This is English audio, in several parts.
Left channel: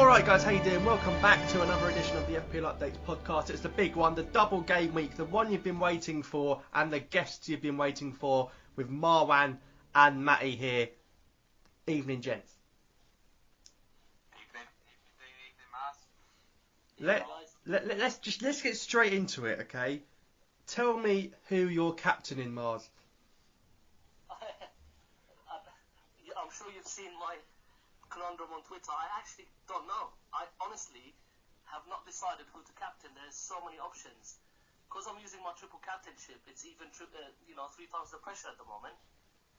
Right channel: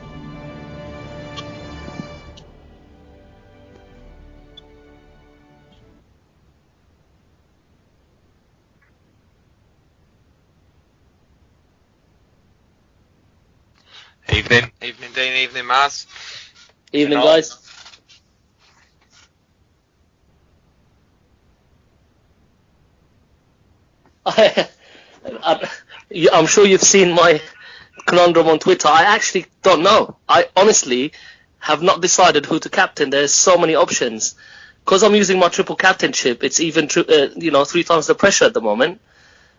Alright guys, how you doing? Welcome back to another edition of the FPL Updates podcast. It's the big one, the double game week, the one you've been waiting for and the guests you've been waiting for with Marwan and Matty here. Evening, gents. Evening Dean, evening Maz. Evening guys. Let's get straight into it, okay? Tell me who you're captaining, Mars. I'm sure you've seen my conundrum on Twitter. I actually don't know. I honestly have not decided who to captain. There's so many options. Because I'm using my triple captainship, it's even 3 times the pressure at the moment.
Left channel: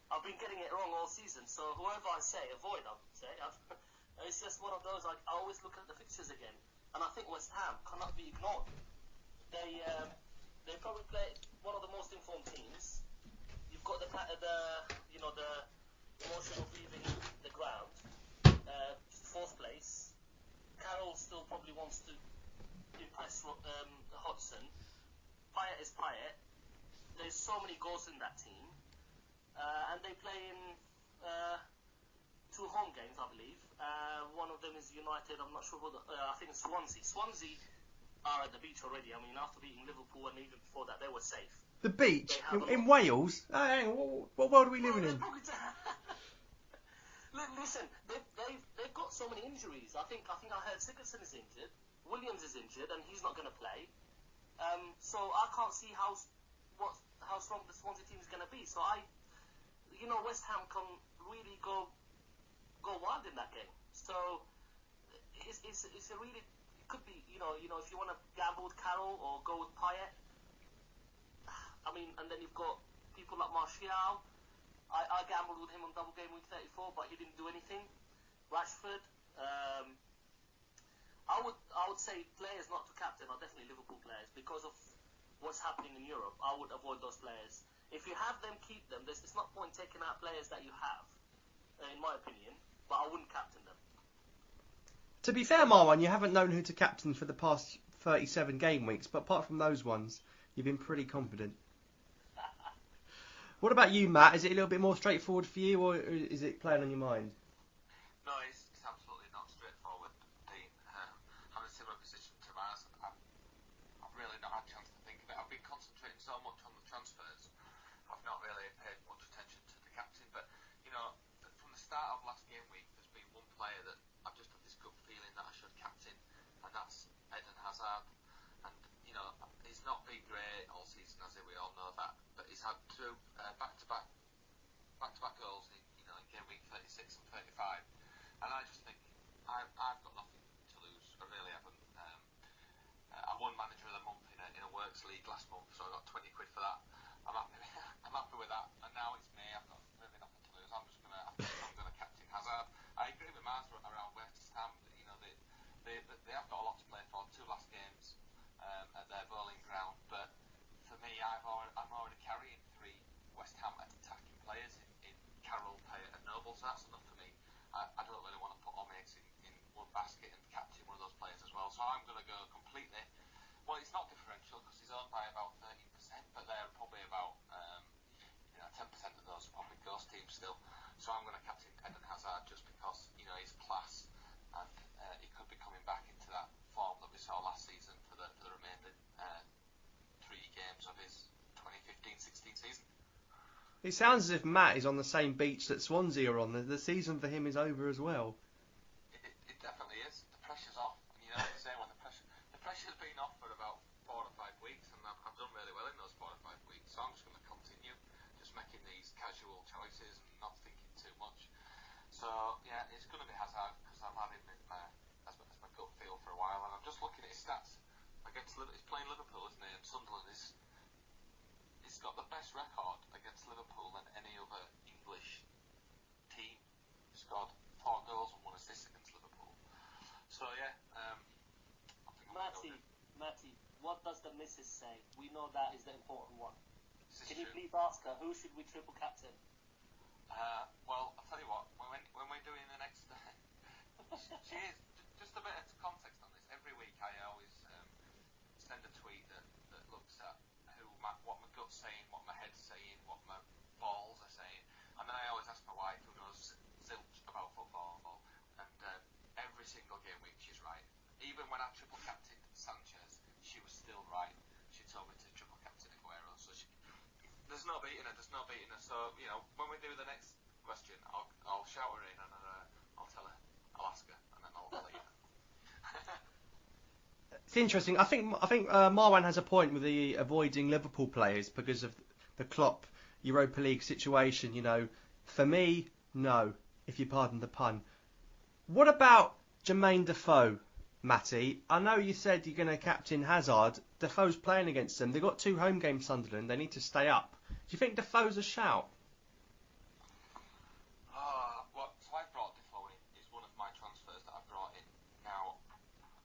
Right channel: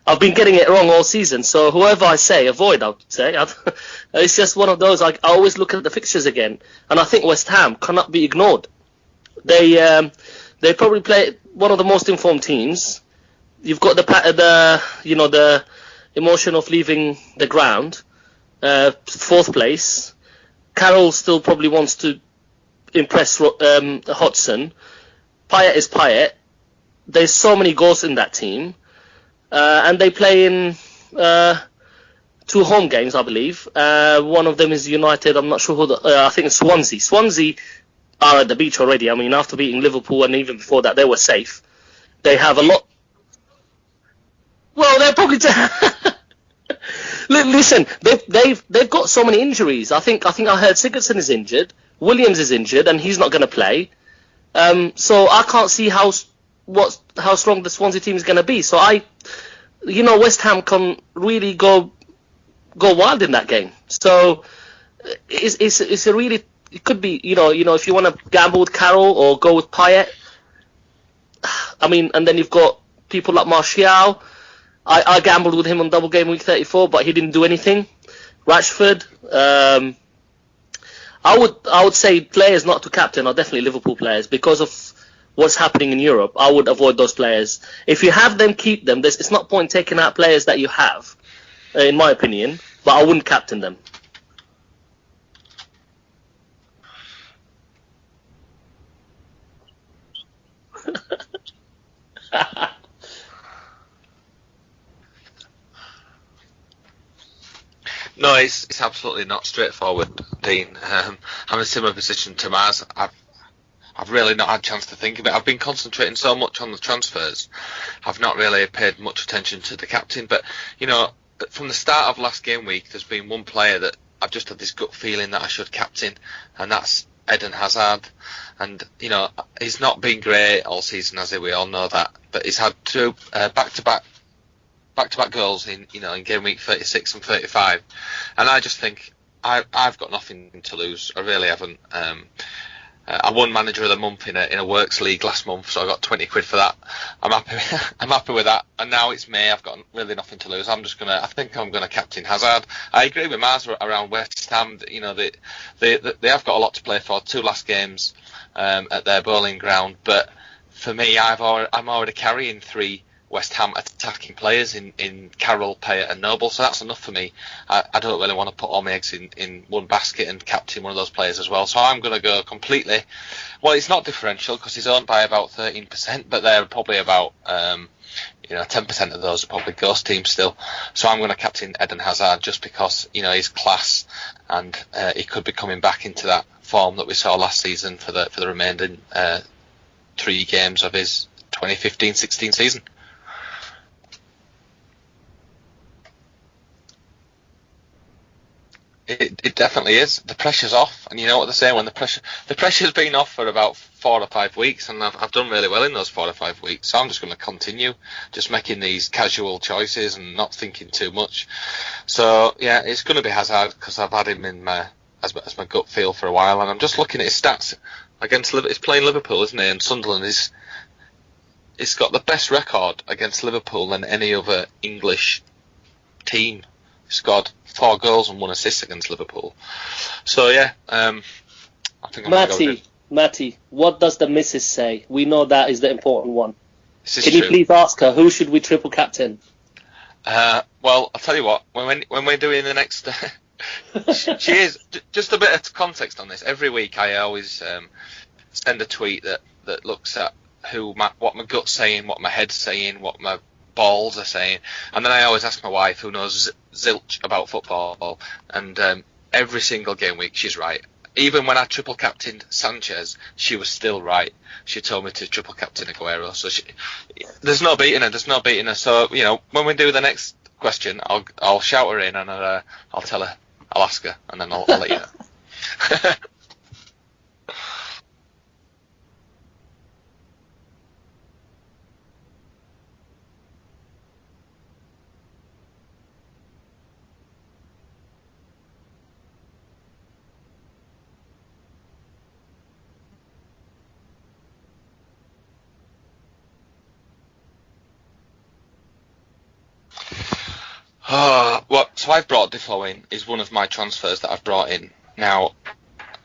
I've been getting it wrong all season, so whoever I say, avoid, I would say. It's just one of those, I always look at the fixtures again, and I think West Ham cannot be ignored. They probably play one of the most informed teams. You've got the emotion of leaving the ground, fourth place. Carroll still probably wants to impress Hodgson. Payet is Payet. There's so many goals in that team. And they play in 2 home games, I believe. One of them is United. I'm not sure who I think it's Swansea. Swansea are at the beach already. I mean, after beating Liverpool and even before that, they were safe. The beach? They have a lot. Wales? What world are we Well, in? they're probably. Listen, they've got so many injuries. I think I heard Sigurdsson is injured, Williams is injured, and he's not going to play. So I can't see how strong the Swansea team is going to be. So West Ham can really go wild in that game. So it's a really, it could be, if you want to gamble with Carroll or go with Payet. I mean, and then you've got people like Martial. I gambled with him on double game week 34, but he didn't do anything. Rashford. I would say players not to captain are definitely Liverpool players because of what's happening in Europe. I would avoid those players. If you have them, keep them. It's not point taking out players that you have, in my opinion, but I wouldn't captain them. To be fair, Marwan, you haven't known who to captain for the past 37 game weeks, but apart from those ones, you've been pretty confident. What about you, Matt? Is it a little bit more straightforward for you, or is it playing on your mind? No, it's absolutely not straightforward, Dean. I'm in a similar position to Maz. I've really not had a chance to think of it. I've been concentrating so much on the transfers, I've not really paid much attention to the captain. But, from the start of last game week, there's been one player that I've just had this gut feeling that I should captain, and that's Eden Hazard. And, he's not been great all season, as we all know that. But he's had 2 back-to-back goals in game week 36 and 35. And I just think I've got nothing to lose. I really haven't. I won Manager of the Month in a Works League last month, so I got 20 quid for that. I'm happy with that. And now it's May. I've got really nothing to lose. I think I'm gonna captain Hazard. I agree with Mars around West Ham. They have got a lot to play for. 2 last games at their bowling ground, but for me, I'm already carrying 3 West Ham attacking players in Carroll, Payet and Noble, so that's enough for me. I don't really want to put all my eggs in one basket and captain one of those players as well, so I'm going to go completely, well, it's not differential because he's owned by about 13%, but they're probably about 10% of those are probably ghost teams still, so I'm going to captain Eden Hazard just because he's class and he could be coming back into that form that we saw last season for the remaining 3 games of his 2015-16 season. It sounds as if Matt is on the same beach that Swansea are on. The season for him is over as well. It definitely is. The pressure's off, and you know what they say when the pressure's been off for about 4 or 5 weeks, and I've done really well in those 4 or 5 weeks. So I'm just going to continue, just making these casual choices and not thinking too much. So yeah, it's going to be Hazard because I've had him in as my gut feel for a while, and I'm just looking at his stats against Liverpool. He's playing Liverpool, isn't he? And Sunderland is. It's got the best record against Liverpool than any other English team. He scored 4 goals and 1 assist against Liverpool. So yeah, I think I'm going to go Matty, what does the missus say? We know that is the important one. Can you please ask her who should we triple captain? Well, I'll tell you what. When we're doing the next, she is just a bit of context on this. Every week I always send a tweet that looks at what my gut's saying, what my head's saying, what my balls are saying, and then I always ask my wife, who knows zilch about football, and every single game week she's right. Even when I triple captained Sanchez, she was still right. She told me to triple captain Aguero. So there's no beating her. There's no beating her. So when we do the next question, I'll shout her in and I'll tell her. I'll ask her and then I'll let you know. Interesting. I think Marwan has a point with the avoiding Liverpool players because of the Klopp Europa League situation. For me, no, if you pardon the pun. What about Jermaine Defoe, Matty? I know you said you're going to captain Hazard. Defoe's playing against them. They've got 2 home games, Sunderland. They need to stay up. Do you think Defoe's a shout? So I've brought Defoe in. Is one of my transfers that I've brought in. Now,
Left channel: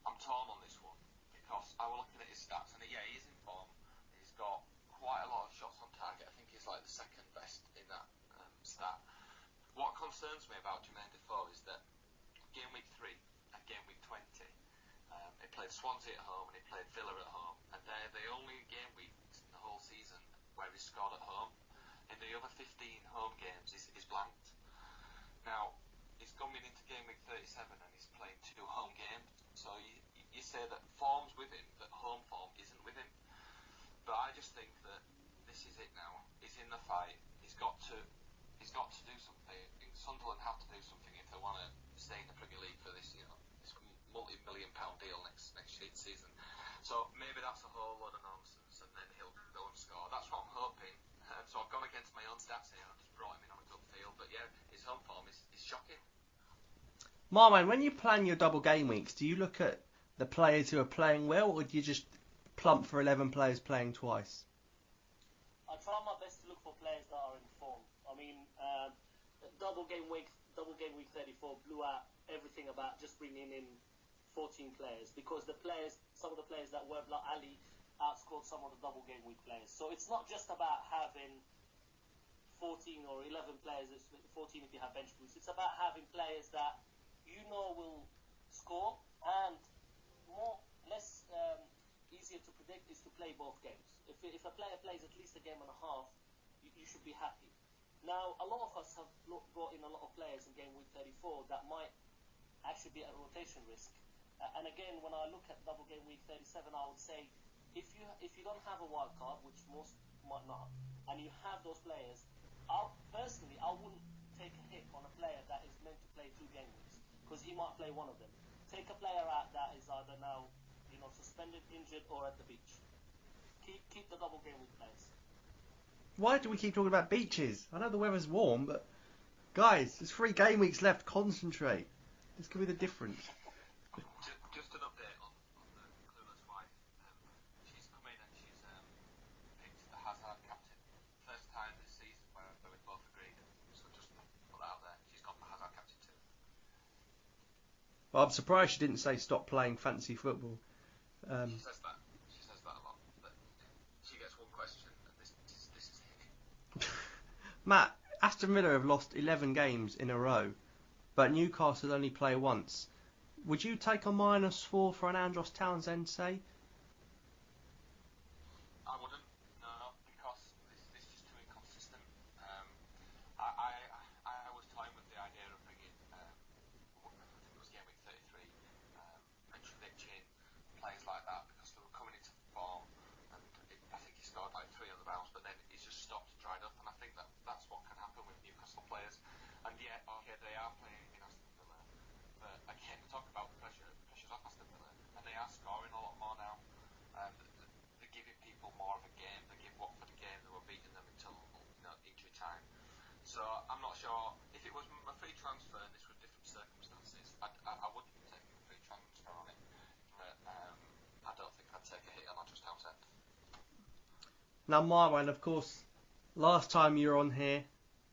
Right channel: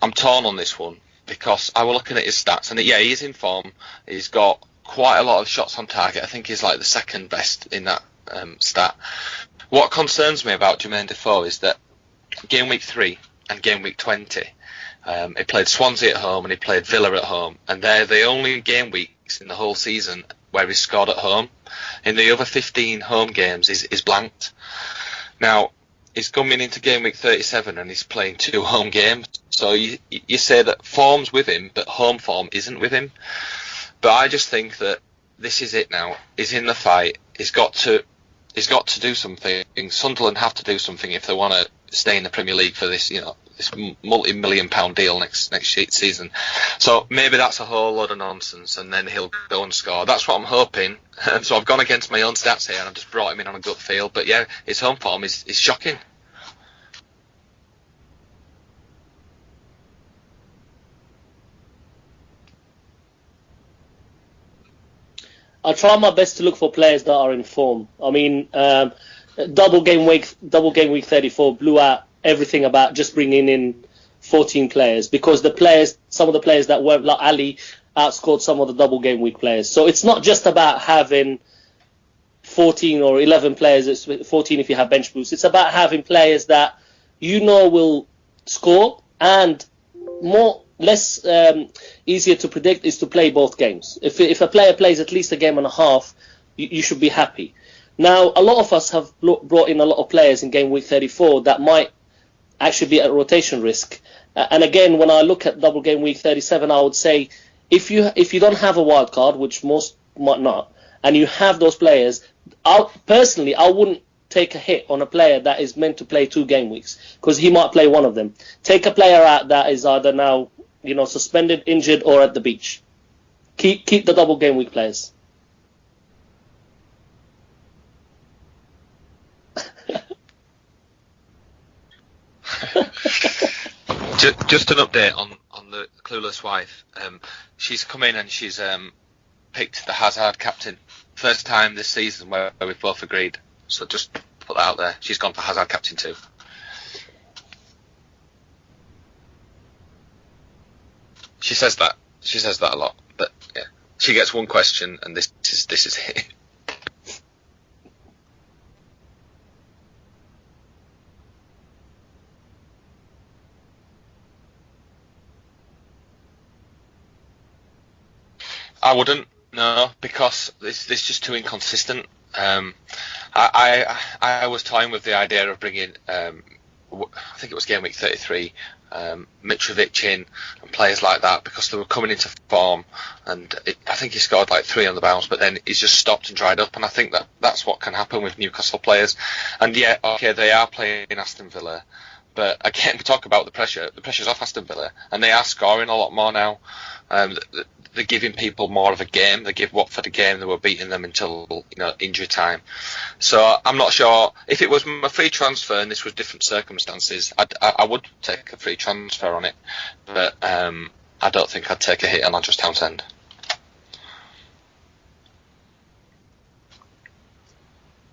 I'm torn on this one because I was looking at his stats, and he is in form. He's got quite a lot of shots on target. I think he's like the second best in that stat. What concerns me about Jermaine Defoe is that game week 3 and game week 20, he played Swansea at home and he played Villa at home, and they're the only game weeks in the whole season where he scored at home. In the other 15 home games, he's blanked. Now, he's coming into game week 37 and he's playing 2 home games. So you say that form's with him, but home form isn't with him. But I just think that this is it now. He's in the fight. He's got to do something. Sunderland have to do something if they want to stay in the Premier League for this, this multi-million-pound deal next season. So maybe that's a whole load of nonsense, and then he'll go and score. That's what I'm hoping. So I've gone against my own stats here, and I've just brought him in on a gut feel. But yeah, his home form is shocking. Marwan, when you plan your double game weeks, do you look at the players who are playing well, or do you just plump for 11 players playing twice? I try my best to look for players that are in form. I mean, double game week 34 blew out everything about just bringing in 14 players because some of the players that weren't like Ali outscored some of the double game week players. So it's not just about having 14 or 11 players. It's 14 if you have bench boost. It's about having players that will score, and less easier to predict is to play both games. If a player plays at least a game and a half, you should be happy. Now, a lot of us have brought in a lot of players in game week 34 that might actually be at rotation risk. And again, when I look at double game week 37, I would say if you don't have a wild card, which most might not, and you have those players, I wouldn't take a hit on a player that is meant to play 2 game weeks because he might play one of them. Take a player out that is either now suspended, injured, or at the beach. Keep the double game week players. Why do we keep talking about beaches? I know the weather's warm, but guys, there's 3 game weeks left. Concentrate. Just an update on the clueless wife. She's come in and she's picked the Hazard captain. First time this season where we've both agreed. So just put that out there. She's gone for Hazard captain too. Well, I'm surprised she didn't say stop playing fancy football. She says that. She says that a lot. But yeah, she gets one question, and this is it. Matt, Aston Villa have lost 11 games in a row, but Newcastle only play once. Would you take a -4 for an Andros Townsend, say? I wouldn't. No, because it's just too inconsistent. I was toying with the idea of bringing, I think it was game week 33, Mitrovic in and players like that because they were coming into form, and I think he scored like 3 on the bounce, but then he's just stopped and dried up, and I think that's what can happen with Newcastle players. And yeah, okay, they are playing Aston Villa, but again, we talk about the pressure. The pressure's off Aston Villa, and they are scoring a lot more now. They're giving people more of a game. They give Watford a game. They were beating them until injury time. So I'm not sure if it was my free transfer and this was different circumstances. I would take a free transfer on it, but I don't think I'd take a hit on Andros Townsend. Now, Marwan, of course, last time you were on here,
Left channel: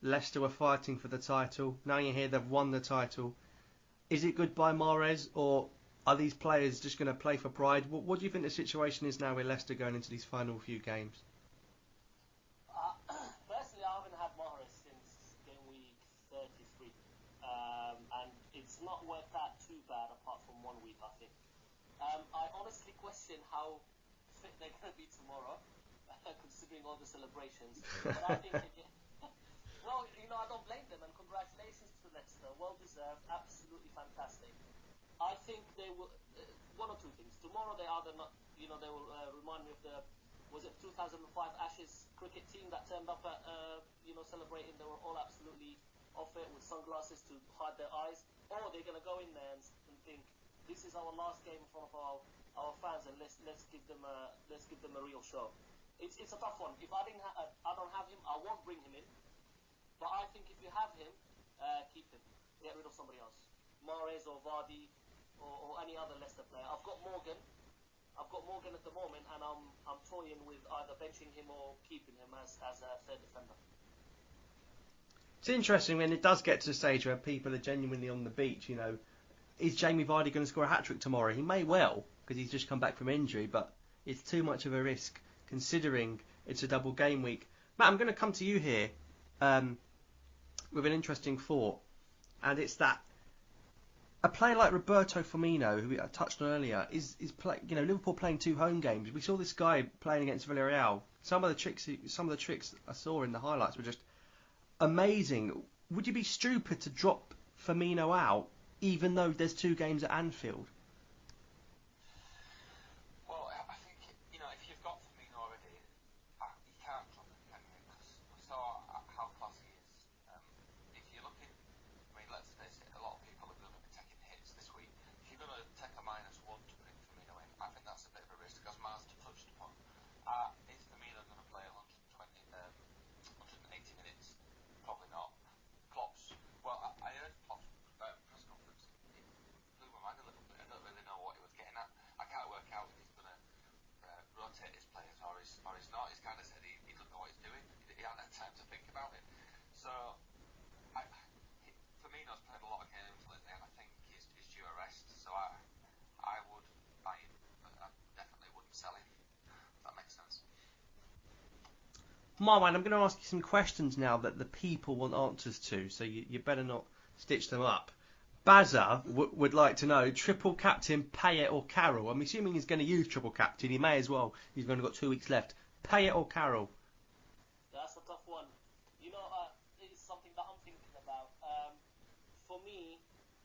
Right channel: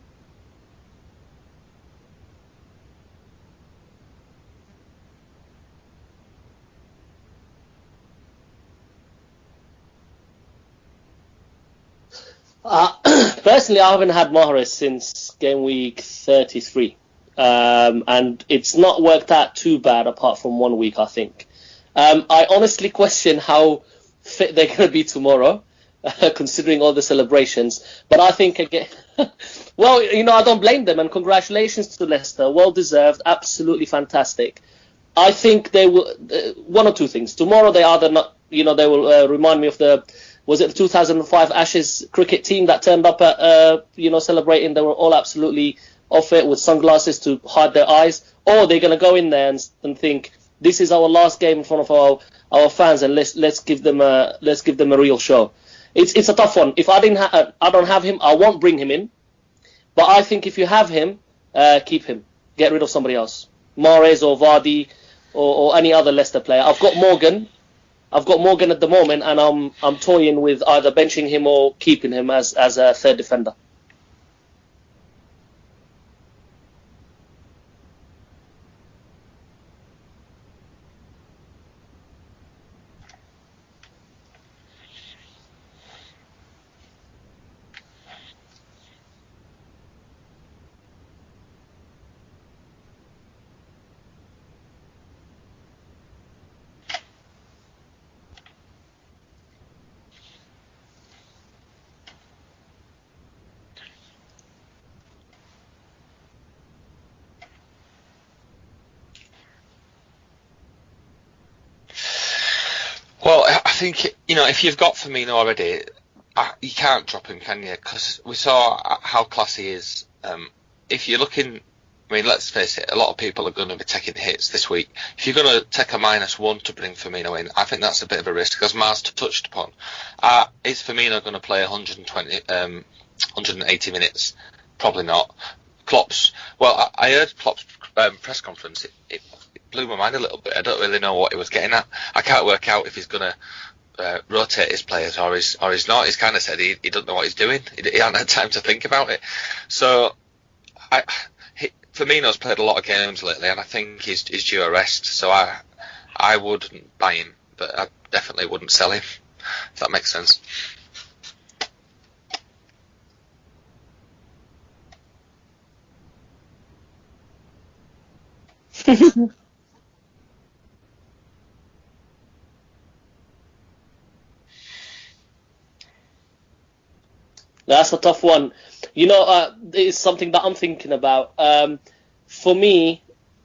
Leicester were fighting for the title. Now you're here, they've won the title. Is it goodbye Mahrez, or are these players just going to play for pride? What do you think the situation is now with Leicester going into these final few games? Personally, I haven't had Mahrez since game week 33. And it's not worked out too bad apart from 1 week, I think. I honestly question how fit they're going to be tomorrow, considering all the celebrations. But I think, again, well, I don't blame them. And congratulations to Leicester. Well deserved. Absolutely fantastic. I think they will. One or two things. Tomorrow they either not, they will remind me of was it the 2005 Ashes cricket team that turned up at, celebrating? They were all absolutely off it with sunglasses to hide their eyes, or they're going to go in there and think this is our last game in front of our fans, and let's give them a real show. It's a tough one. If I don't have him, I won't bring him in. But I think if you have him, keep him. Get rid of somebody else, Mahrez or Vardy or any other Leicester player. I've got Morgan at the moment, and I'm toying with either benching him or keeping him as a third defender. It's interesting when it does get to the stage where people are genuinely on the beach. Is Jamie Vardy going to score a hat-trick tomorrow? He may well, because he's just come back from injury, but it's too much of a risk considering it's a double game week. Matt, I'm going to come to you here with an interesting thought, and it's that a player like Roberto Firmino, who I touched on earlier, is Liverpool playing 2 home games. We saw this guy playing against Villarreal. Some of the tricks I saw in the highlights were just amazing. Would you be stupid to drop Firmino out, even though there's 2 games at Anfield? Well, I think if you've got Firmino already, you can't drop him, can you? Because we saw how classy he is. If you're looking, let's face it, a lot of people are going to be taking hits this week. If you're going to take a -1 to bring Firmino in, I think that's a bit of a risk, as Mars touched upon. Is Firmino going to play 180 minutes? Probably not. I heard Klopp's press conference. It blew my mind a little bit. I don't really know what he was getting at. I can't work out if he's going to rotate his players or he's not. He's kind of said he doesn't know what he's doing. He hasn't had time to think about it. So Firmino's played a lot of games lately, and I think he's due a rest. So I wouldn't buy him, but I definitely wouldn't sell him, if that makes sense. Marwan, I'm going to ask you some questions now that the people want answers to, so you better not stitch them up. Bazza would like to know, triple captain Payet or Carroll? I'm assuming he's going to use triple captain. He may as well. He's only got 2 weeks left. Payet or Carroll? That's a tough one. It's something that I'm thinking about. For me,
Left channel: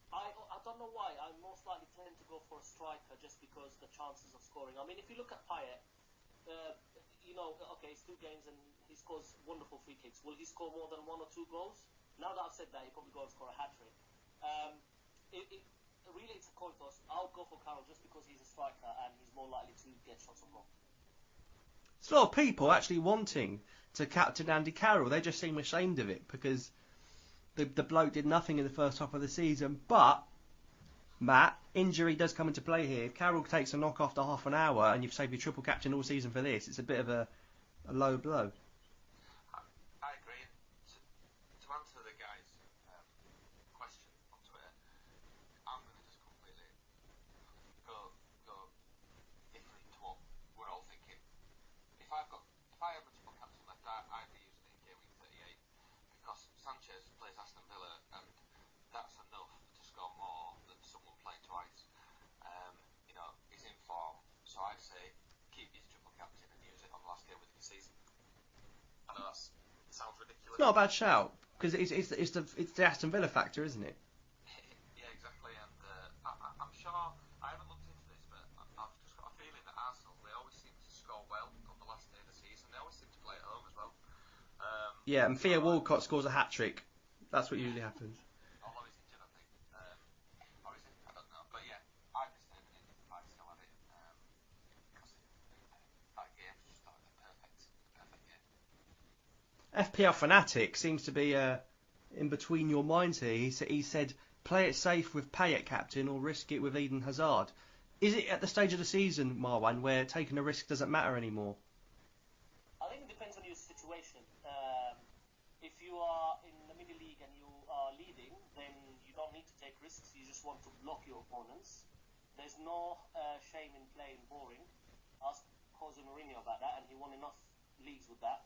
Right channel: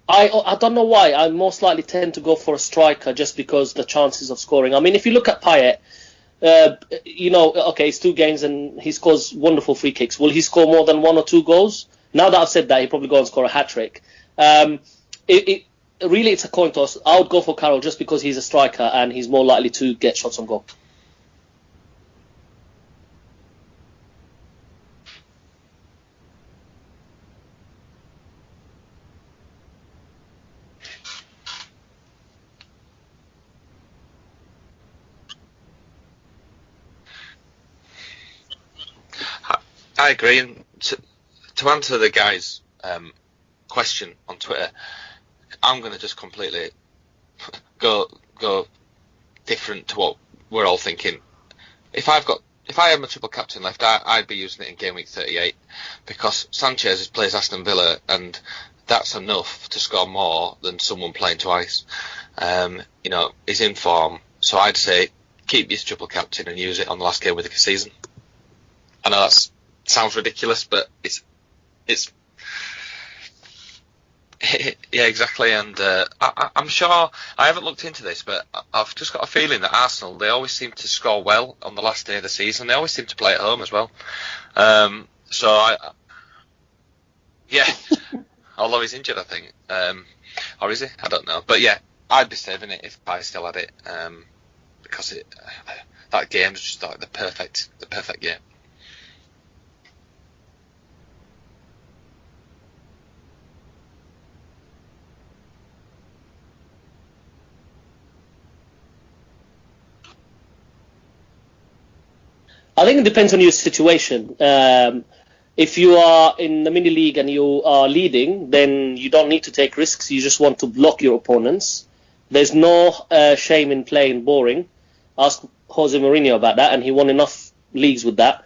I don't know why. I most likely tend to go for a striker just because the chances of scoring. If you look at Payet, okay, it's 2 games and he scores wonderful free kicks. Will he score more than 1 or 2 goals? Now that I've said that, he'll probably go and score a hat-trick. Really, it's a coin toss. I would go for Carroll just because he's a striker and he's more likely to get shots on goal. There's a lot of people actually wanting to captain Andy Carroll. They just seem ashamed of it because the bloke did nothing in the first half of the season. But, Matt, injury does come into play here. If Carroll takes a knock after half an hour and you've saved your triple captain all season for this, it's a bit of a low blow. I agree. And to answer the guy's question on Twitter, I'm going to just completely go different to what we're all thinking. If I had my triple captain left, I'd be using it in game week 38 because Sanchez plays Aston Villa and that's enough to score more than someone playing twice. He's in form, so I'd say keep your triple captain and use it on the last game of the season. I know that sounds ridiculous, it's not but a bad shout because it's the Aston Villa factor, isn't it? Yeah, exactly, and I'm sure I haven't looked into this, but I've just got a feeling that Arsenal, they always seem to score well on the last day of the season. They always seem to play at home as well. So Walcott scores a hat trick. That's what although he's injured, I think, or is he? I don't know, but yeah, I'd be saving it if I still had it, because that game's just like the perfect game. FPL Fanatic seems to be in between your minds here. He said, play it safe with Payet captain or risk it with Eden Hazard. Is it at the stage of the season, Marwan, where taking a risk doesn't matter anymore? I think it depends on your situation. If you are in the mini league and you are leading, then you don't need to take risks. You just want to block your opponents. There's no shame in playing boring. Ask Jose Mourinho about that, and he won enough leagues with that.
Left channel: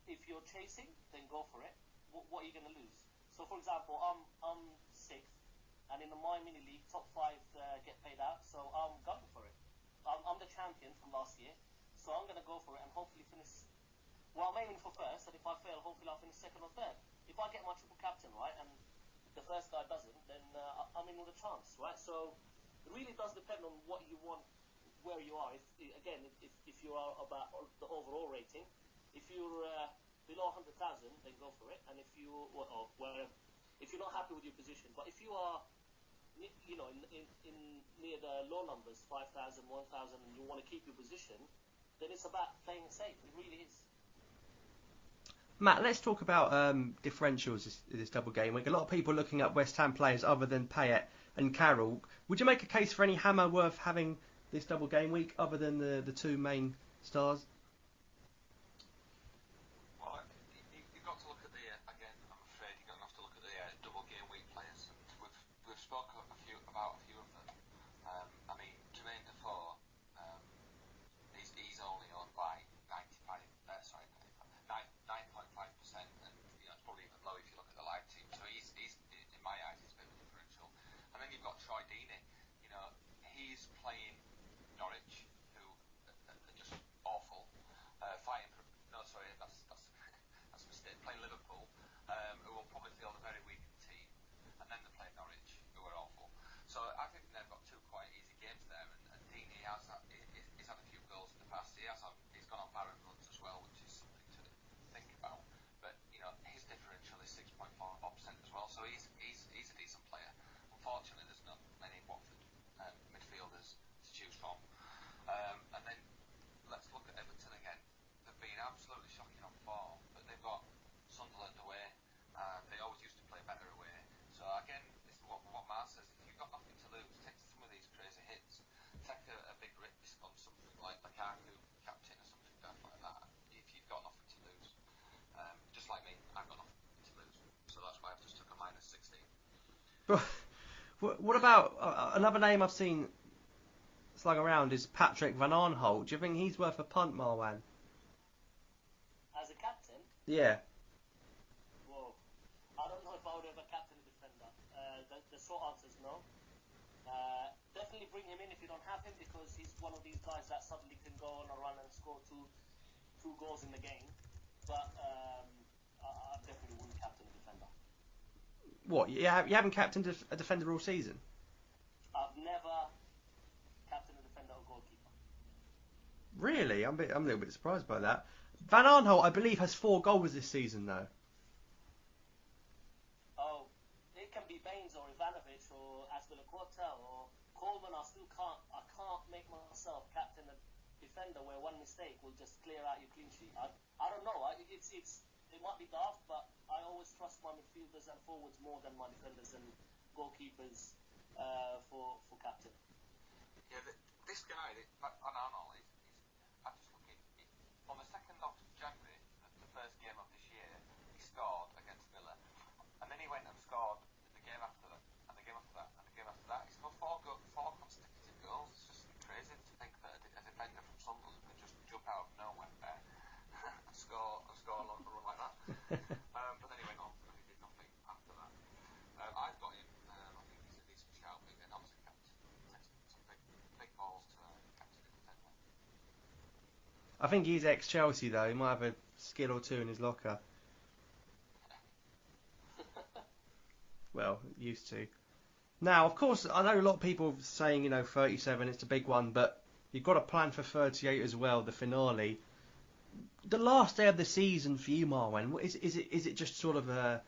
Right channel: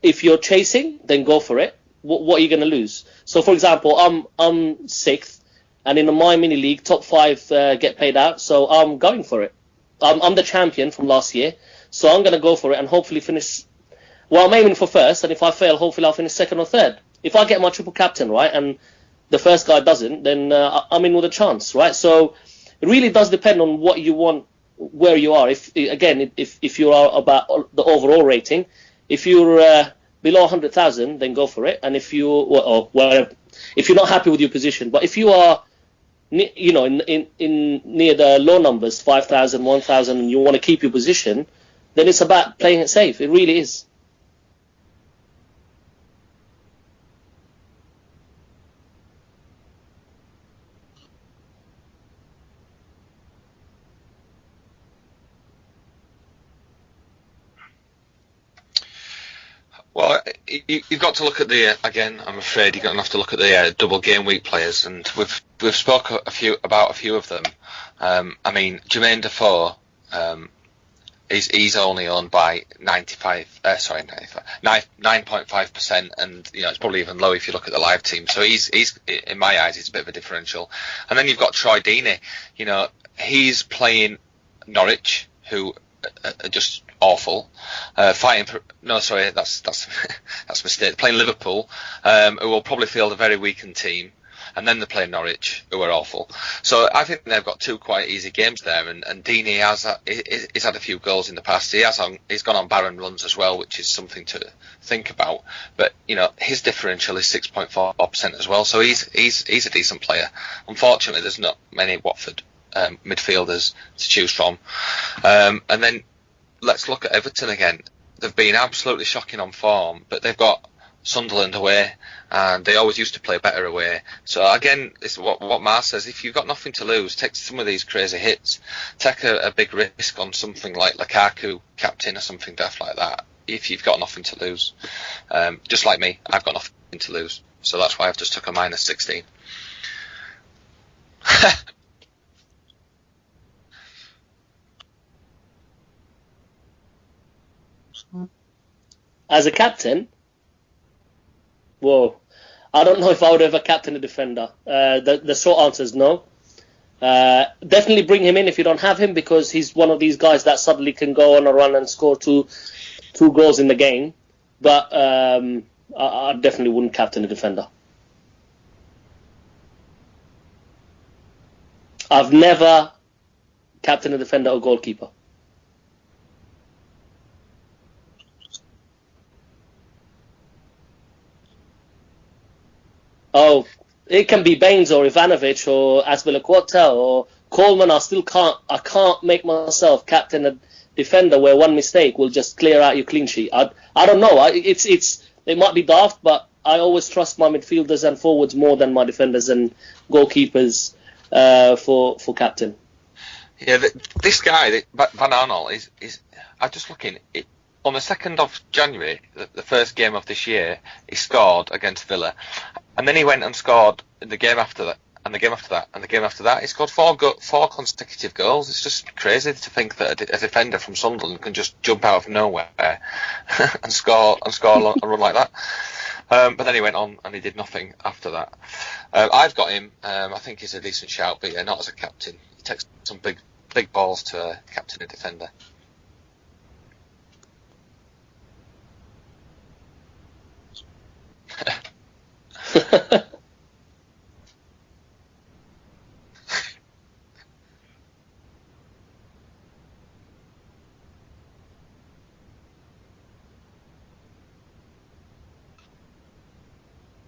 If you're chasing, then go for it. What are you going to lose? So, for example, I'm 6th, and in my mini league, top 5 get paid out, so I'm going for it. I'm the champion from last year, so I'm going to go for it and hopefully finish. Well, I'm aiming for first, and if I fail, hopefully I'll finish 2nd or 3rd. If I get my triple captain right, and the first guy doesn't, then I'm in with a chance, right? So it really does depend on what you want, where you are. If you are about the overall rating, if you're below 100,000, then go for it. And if if you're not happy with your position, but if you are, in near the low numbers, 5,000, 1,000, and you want to keep your position, then it's about playing it safe. It really is. Matt, let's talk about differentials this double game week. A lot of people looking at West Ham players other than Payet and Carroll. Would you make a case for any hammer worth having this double game week other than the two main stars? Well, you've got to look at again. I'm afraid you're going to have to look at the double game week players, and we've spoke about a few of them. I mean, Jermaine Defoe, he's only owned by 9.5%, and it's probably even low if you look at the live team. So he's in my eyes, he's a bit of a differential. And then you've got Troy Deeney. He's playing Norwich, who are just awful. That's that's a mistake. Playing Liverpool, who will probably field a very weakened team, and then they're playing Norwich, who are awful. So I think they've got two quite easy games there, and Deeney he's had a few goals in the past. He's gone on barren runs as well, which is something to think about. But his differential is 6.4% as well, so he's a decent player. Unfortunately, there's not many Watford midfielders to choose from. And then let's look at Everton again. They've been absolutely shocking on form, but they've got Sunderland away, and they always used to play better away. So again, it's what Mar says. If you've got nothing to lose, take some of these crazy hits. Take a big risk on something like Lukaku, captain, or something daft like that, if you've got nothing to lose. Just like me, I've got nothing to lose. So that's why I've just took a minus 16. What about another name I've seen slung around is Patrick Van Aanholt. Do you think he's worth a punt, Marwan? As a captain? Yeah. Whoa. I don't know if I would ever captain a defender. The short answer is no. Definitely bring him in if you don't have him, because he's one of these guys that suddenly can go on a run and score two goals in the game. But I definitely wouldn't captain a defender. What? You haven't captained a defender all season? I've never captained a defender or goalkeeper. Really? I'm a little bit surprised by that. Van Aanholt, I believe, has 4 goals this season, though. Oh, it can be Baines or Ivanovic or Azpilicueta or Coleman. I can't make myself captain a defender where one mistake will just clear out your clean sheet. I don't know. It might be daft, but I always trust my midfielders and forwards more than my defenders and goalkeepers for captain. Yeah, this guy, Van Aanholt, is I'm just looking. On the 2nd of January, the first game of this year, he scored against Villa. And then he went and scored in the game after that, and the game after that, and the game after that. He scored 4 consecutive goals. It's just crazy to think that a defender from Sunderland can just jump out of nowhere and score a run like that. But then he went on and he did nothing after that. I've got him. I think he's a decent shout, but yeah, not as a captain. He takes some big balls to captain a defender. I think he's ex-Chelsea, though. He might have a skill or two in his locker. Well, used to. Now, of course, I know a lot of people saying, 37, it's a big one, but you've got to plan for 38 as well, the finale. The last day of the season for you, Marwan, is it just sort of a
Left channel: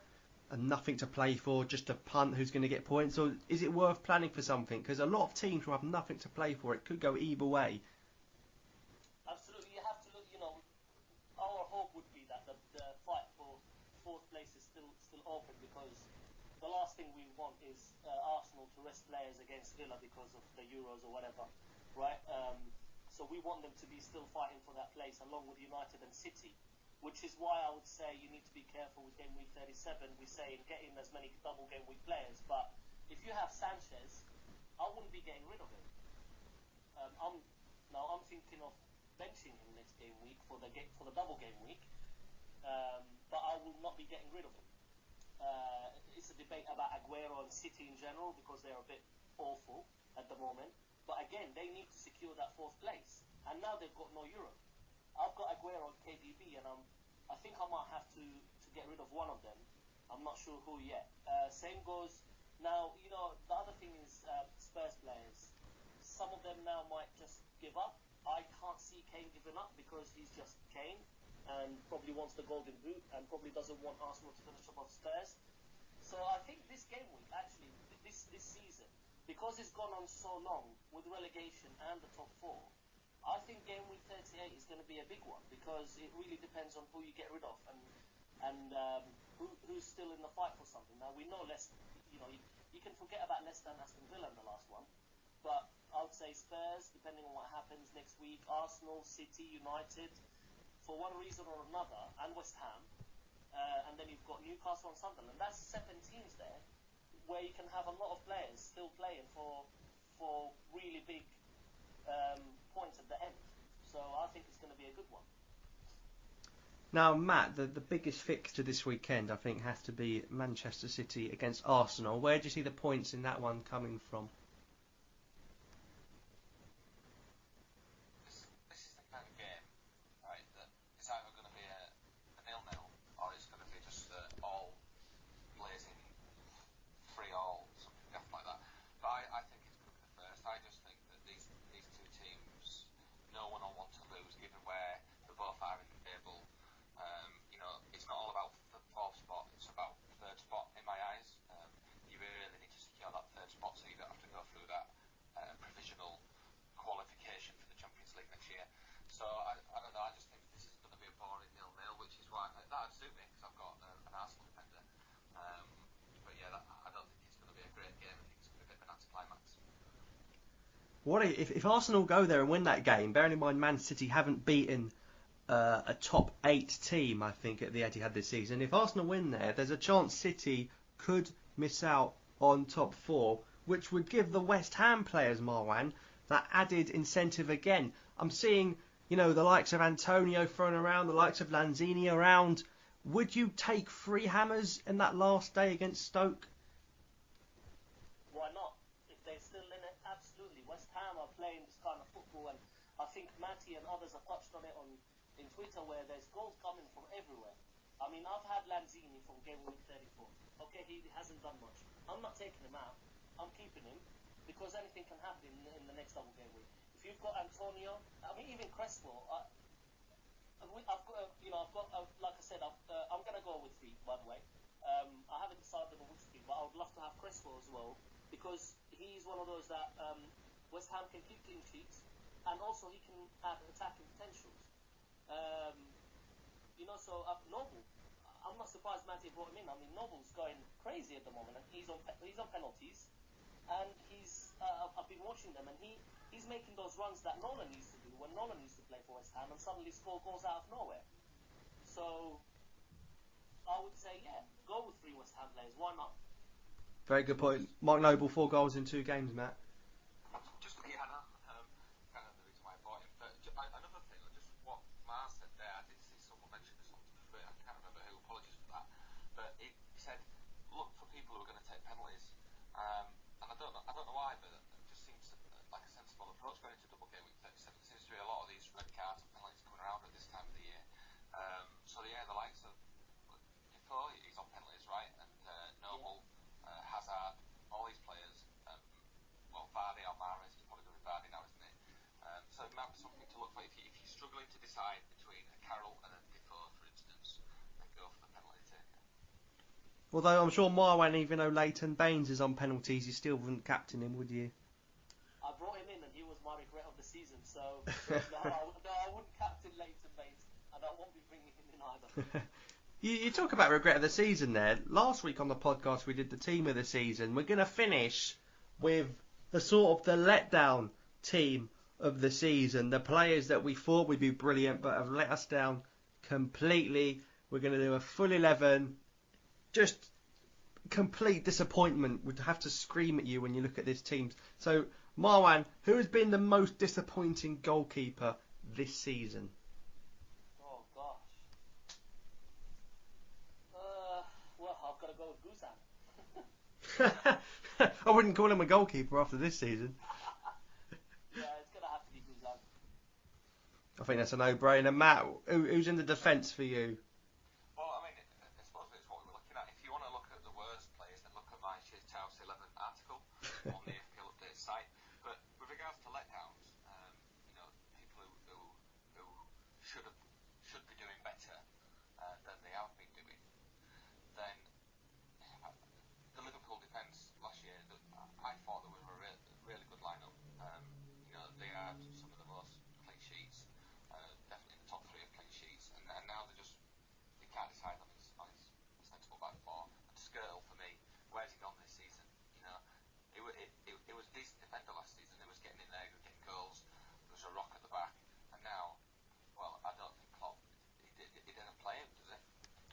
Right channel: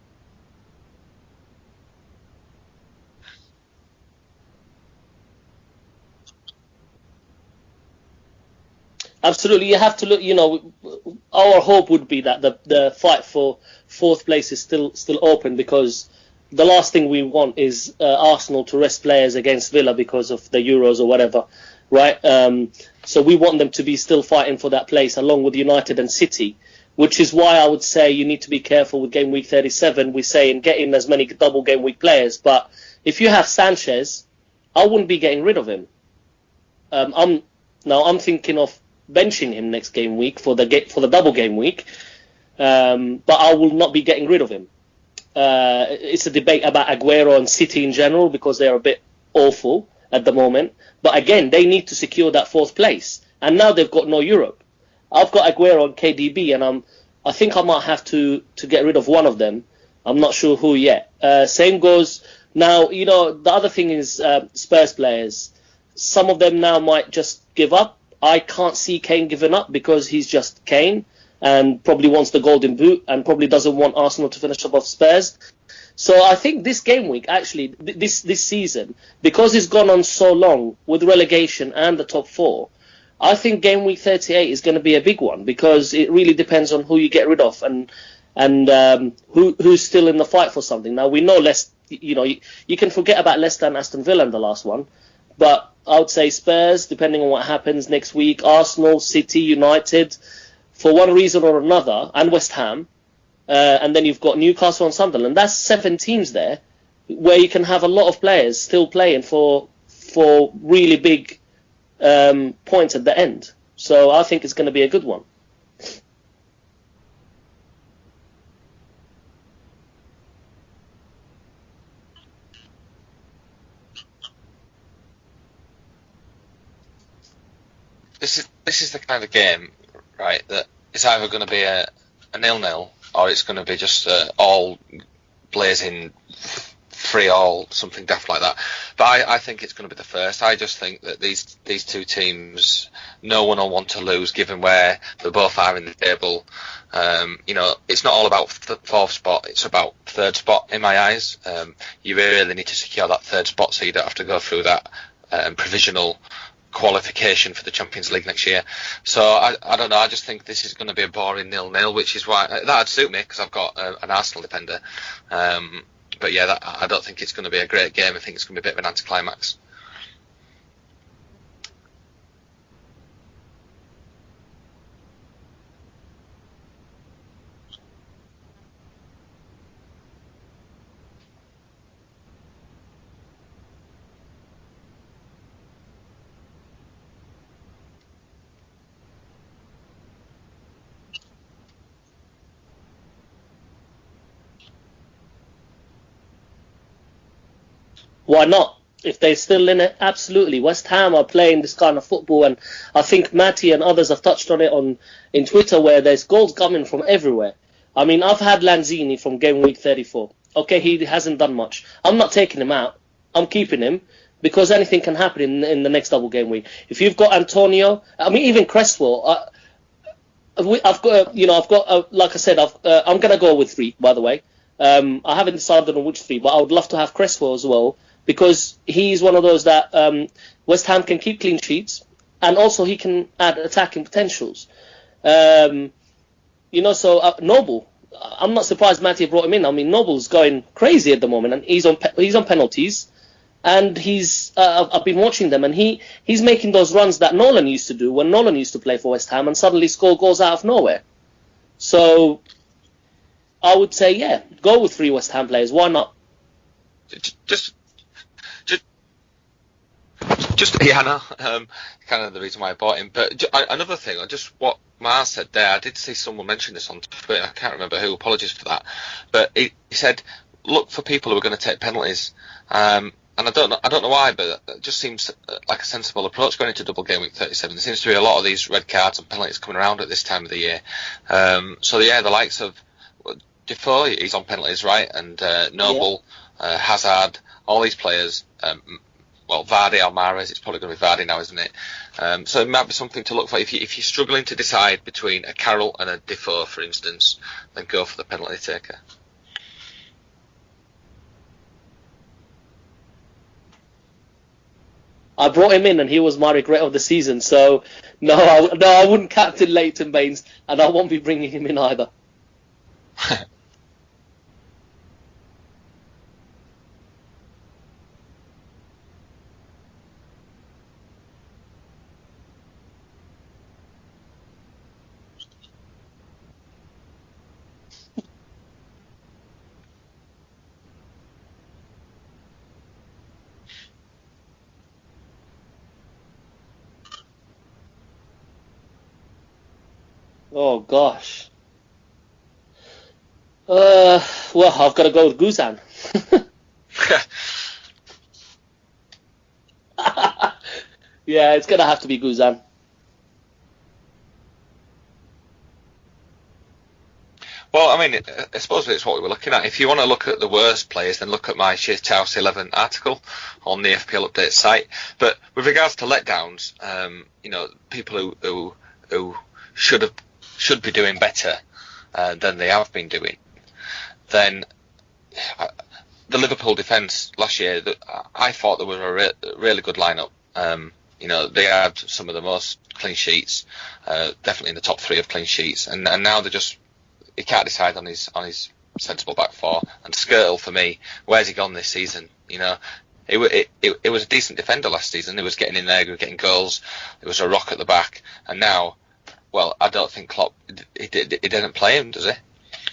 nothing to play for, just a punt who's going to get points, or is it worth planning for something? Because a lot of teams will have nothing to play for. It could go either way. Absolutely, you have to look. Our hope would be that the fight for 4th place is still open, because the last thing we want is Arsenal to rest players against Villa because of the Euros or whatever, right? So we want them to be still fighting for that place along with United and City, which is why I would say you need to be careful with game week 37. We say and get in as many double game week players, but if you have Sanchez, I wouldn't be getting rid of him. I'm thinking of benching him next game week for the double game week, but I will not be getting rid of him. It's a debate about Aguero and City in general, because they are a bit awful at the moment. But again, they need to secure that 4th place, and now they've got no Europe. I've got Aguero and KDB, and I think I might have to get rid of one of them I'm not sure who yet. Same goes now. The other thing is Spurs players. Some of them now might just give up. I can't see Kane giving up because he's just Kane and probably wants the golden boot and probably doesn't want Arsenal to finish above Spurs. So I think this game week, actually, this season, because it's gone on so long with relegation and the top four, I think game week 38 is going to be a big one because it really depends on who you get rid of and who's still in the fight for something. Now, we know you can forget about Leicester and Aston Villa in the last one, but I would say Spurs, depending on what happens next week, Arsenal, City, United, for one reason or another, and West Ham. And then you've got Newcastle and Sunderland. That's 7 teams there where you can have a lot of players still playing for really big points at the end. So I think it's going to be a good one. Now, Matt, the biggest fixture this weekend, I think, has to be Manchester City against Arsenal. Where do you see the points in that one coming from? This is the kind of game, right, that it's either going to be a 0-0 or it's going to be just all blazing 3-3, something daft like that. But I think it's going to be the first. I just think that these two teams, no one will want to lose given where they both are in the table. It's not all about fourth spot, it's about third spot in my eyes. You really need to secure that third spot so you don't have to go through that provisional qualification for the Champions League next year. So I don't know, I just think this is going to be a boring 0-0, which is why that'd suit me because I've got an Arsenal defender. But yeah, I don't think it's going to be a great game. I think it's going to be a bit of an anticlimax. If Arsenal go there and win that game, bearing in mind Man City haven't beaten a top 8 team, I think, at the Etihad this season. If Arsenal win there's a chance City could miss out on top 4, which would give the West Ham players, Marwan, that added incentive again. I'm seeing, the likes of Antonio thrown around, the likes of Lanzini around. Would you take 3 hammers in that last day against Stoke? Why not? If they're still in it, absolutely. West Ham are playing this kind of football, and I think Matty and others have touched on it in Twitter, where there's goals coming from everywhere. I mean, I've had Lanzini from game week 34. Okay, he hasn't done much. I'm not taking him out. I'm keeping him because anything can happen in the next double game week. If you've got Antonio, I mean, even Cresswell. I've got, like I said, I'm going to go with 3, by the way. I haven't decided on which 3, but I would love to have Cresswell as well, because he's one of those that West Ham can keep clean sheets, and also he can add attacking potentials. So Noble, I'm not surprised Matty brought him in. I mean, Noble's going crazy at the moment, and he's on penalties, and I've been watching them, and he's making those runs that Nolan used to do when Nolan used to play for West Ham, and suddenly score goals out of nowhere. So I would say, yeah, go with 3 West Ham players. Why not? Very good point. Mark Noble, 4 goals in 2 games, Matt. I know. Kind of the reason why I bought him. But another thing, just what Mars said there, I did see someone mention this on Twitter. I can't remember who. Apologies for that. But he said, look for people who are going to take penalties. And I don't know why, but it just seems like a sensible approach going into double game week 37. There seems to be a lot of these red cards and penalties coming around at this time of the year. The likes of Defoe, he's on penalties, right? And Noble, Hazard, all these players. Vardy or Mahrez, it's probably going to be Vardy now, isn't it? So it might be something to look for. If you're struggling to decide between a Carroll and a Defoe, for instance, then go for the penalty taker. Although I'm sure Marwan, even though Leighton Baines is on penalties, you still wouldn't captain him, would you? I brought him in and he was my regret of the season, so no, I wouldn't captain Leighton Baines, and I won't be bringing him in either. You talk about regret of the season there. Last week on the podcast we did the team of the season. We're going to finish with the sort of the letdown team of the season. The players that we thought would be brilliant but have let us down completely. We're going to do a full 11. Just complete disappointment. Would have to scream at you when you look at this team. So, Marwan, who has been the most disappointing goalkeeper this season? Oh gosh. I've got to go with Guzan. I wouldn't call him a goalkeeper after this season. Yeah, it's gonna have to be Guzan. I think that's a no-brainer. Matt, who's in the defence for you? Well, I mean, I suppose it's what we were looking at. If you want to look at the worst players, then look at my Shithouse 11 article on the FPL Updates site. But with regards to letdowns, people who should be doing better than they have been doing, then the Liverpool defence last year, I thought there was a really good lineup. They had some of the most clean sheets, definitely in the top 3 of clean sheets, and now he can't decide on his sensible back 4. And Skirtle, for me, where's he gone this season? It was a decent defender last season. He was getting in there, he was getting goals. It was a rock at the back, and now, well, I don't think Klopp he didn't play him, does he?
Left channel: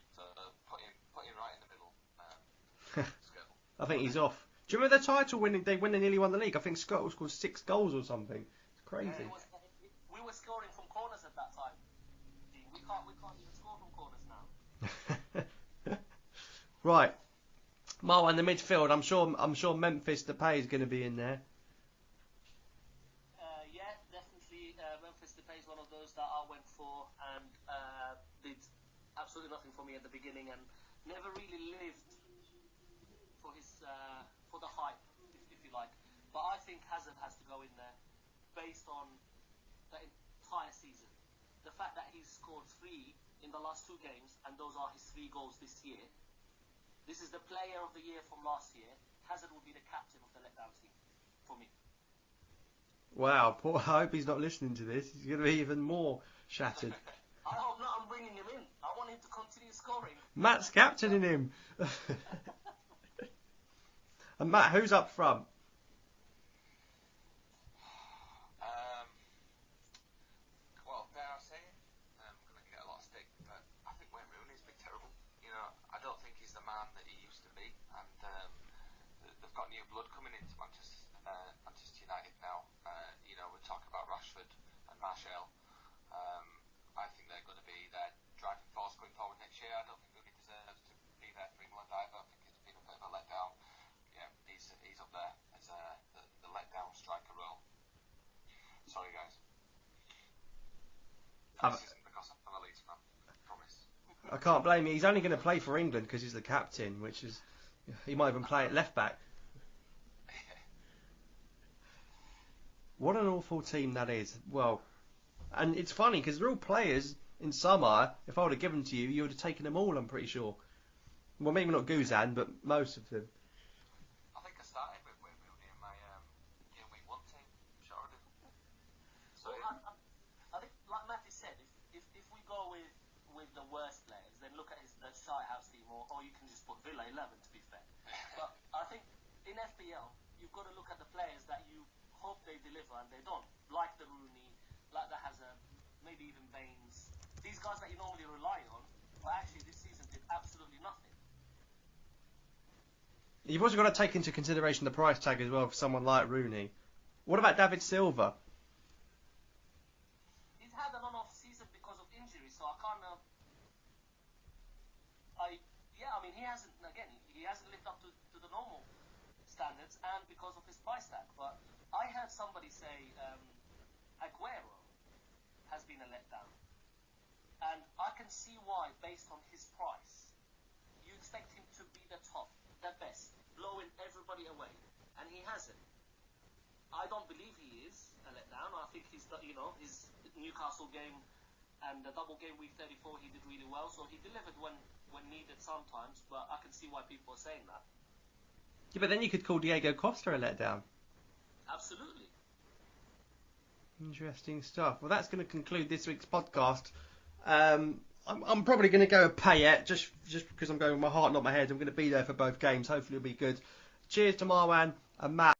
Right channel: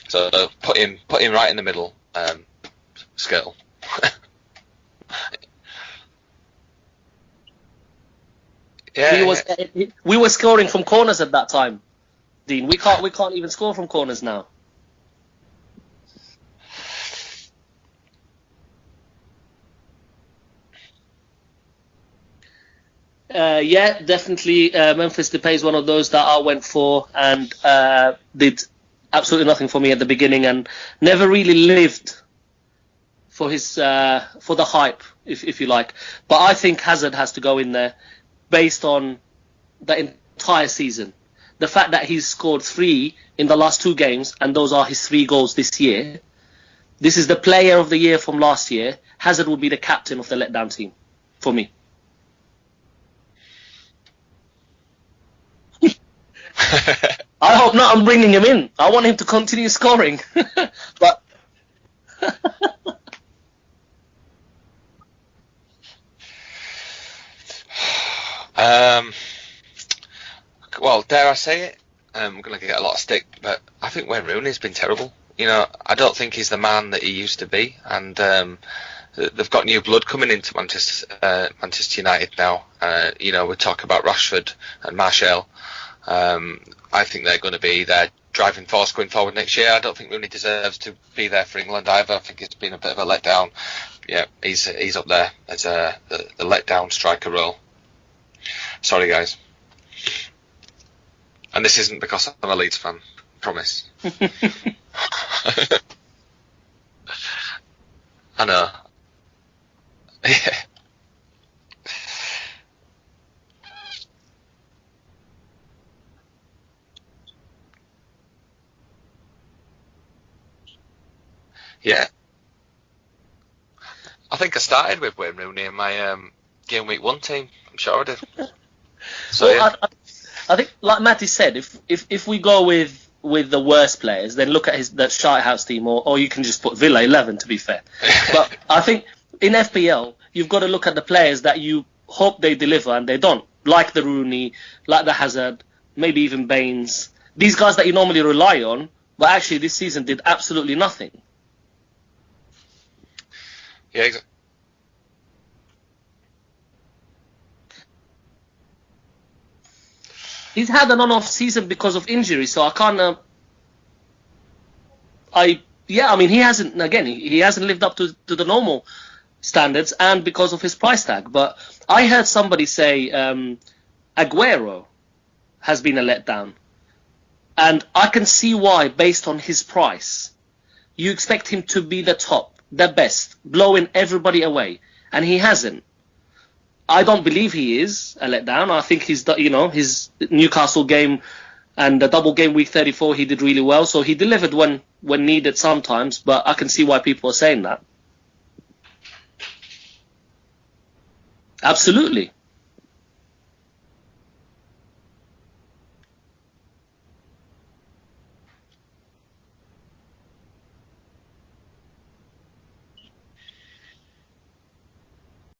So put him right in the middle, Skirtle. I think he's off. Do you remember the title when they nearly won the league? I think Skirtle scored 6 goals or something. Yeah, we were scoring from corners at that time, Dean. We can't even score from corners now. Right, Marwan, the midfield. I'm sure Memphis Depay is going to be in there. Yeah, definitely. Memphis Depay is one of those that I went for and did absolutely nothing for me at the beginning and never really lived for his for the hype, if you like. But I think Hazard has to go in there based on the entire season. The fact that he's scored 3 in the last 2 games and those are his 3 goals this year. This is the player of the year from last year. Hazard will be the captain of the letdown team for me. Wow, I hope he's not listening to this. It's going to be even more. I hope not. I'm bringing him in. I want him to continue scoring. Matt's captaining him. And Matt, who's up front? Well, dare I say it? I'm going to get a lot of stick, but I think Wayne Rooney's been terrible. I don't think he's the man that he used to be, and they've got new blood coming into Manchester United now. We talk about Rashford and Martial. I think they're going to be their driving force going forward next year. I don't think Rooney deserves to be there for England either. I think it's been a bit of a letdown. Yeah, he's up there as the letdown striker role. Sorry, guys. And this isn't because I'm a Leeds fan. Promise. I can't blame you. He's only going to play for England because he's the captain. He might have been left back. Yeah. What an awful team that is. Well, and it's funny because they're all players in summer. If I would have given them to you, you would have taken them all, I'm pretty sure. Well, maybe not Gizan, but most of them. I think I started with Wayne Rooney in my Gameweek 1 team. I'm sure I did. So, well, yeah. I think, like Matty said, if we go with the worst players, then look at the Shitehouse team, or you can just put Villa 11, to be fair. But I think in FPL, you've got to look at the players that you hope they deliver and they don't. Like the Rooney, like the Hazard, maybe even Baines. These guys that you normally rely on, but actually this season did absolutely nothing. You've also got to take into consideration the price tag as well for someone like Rooney. What about David Silva? He's had an on-off season because of injury, so I can't. He hasn't. Again, he hasn't lived up to the normal standards, and because of his price tag. But I heard somebody say Aguero has been a letdown, and I can see why, based on his price. You expect him to be the top, the best, blowing everybody away, and he hasn't. I don't believe he is a letdown. I think his Newcastle game and the double game week 34, he did really well. So he delivered when needed sometimes, but I can see why people are saying that. Yeah, but then you could call Diego Costa a letdown. Absolutely. Interesting stuff. Well, that's going to conclude this week's podcast. I'm probably going to go Payet just because I'm going with my heart, not my head. I'm going to be there for both games. Hopefully it'll be good. Cheers to Marwan and Matt.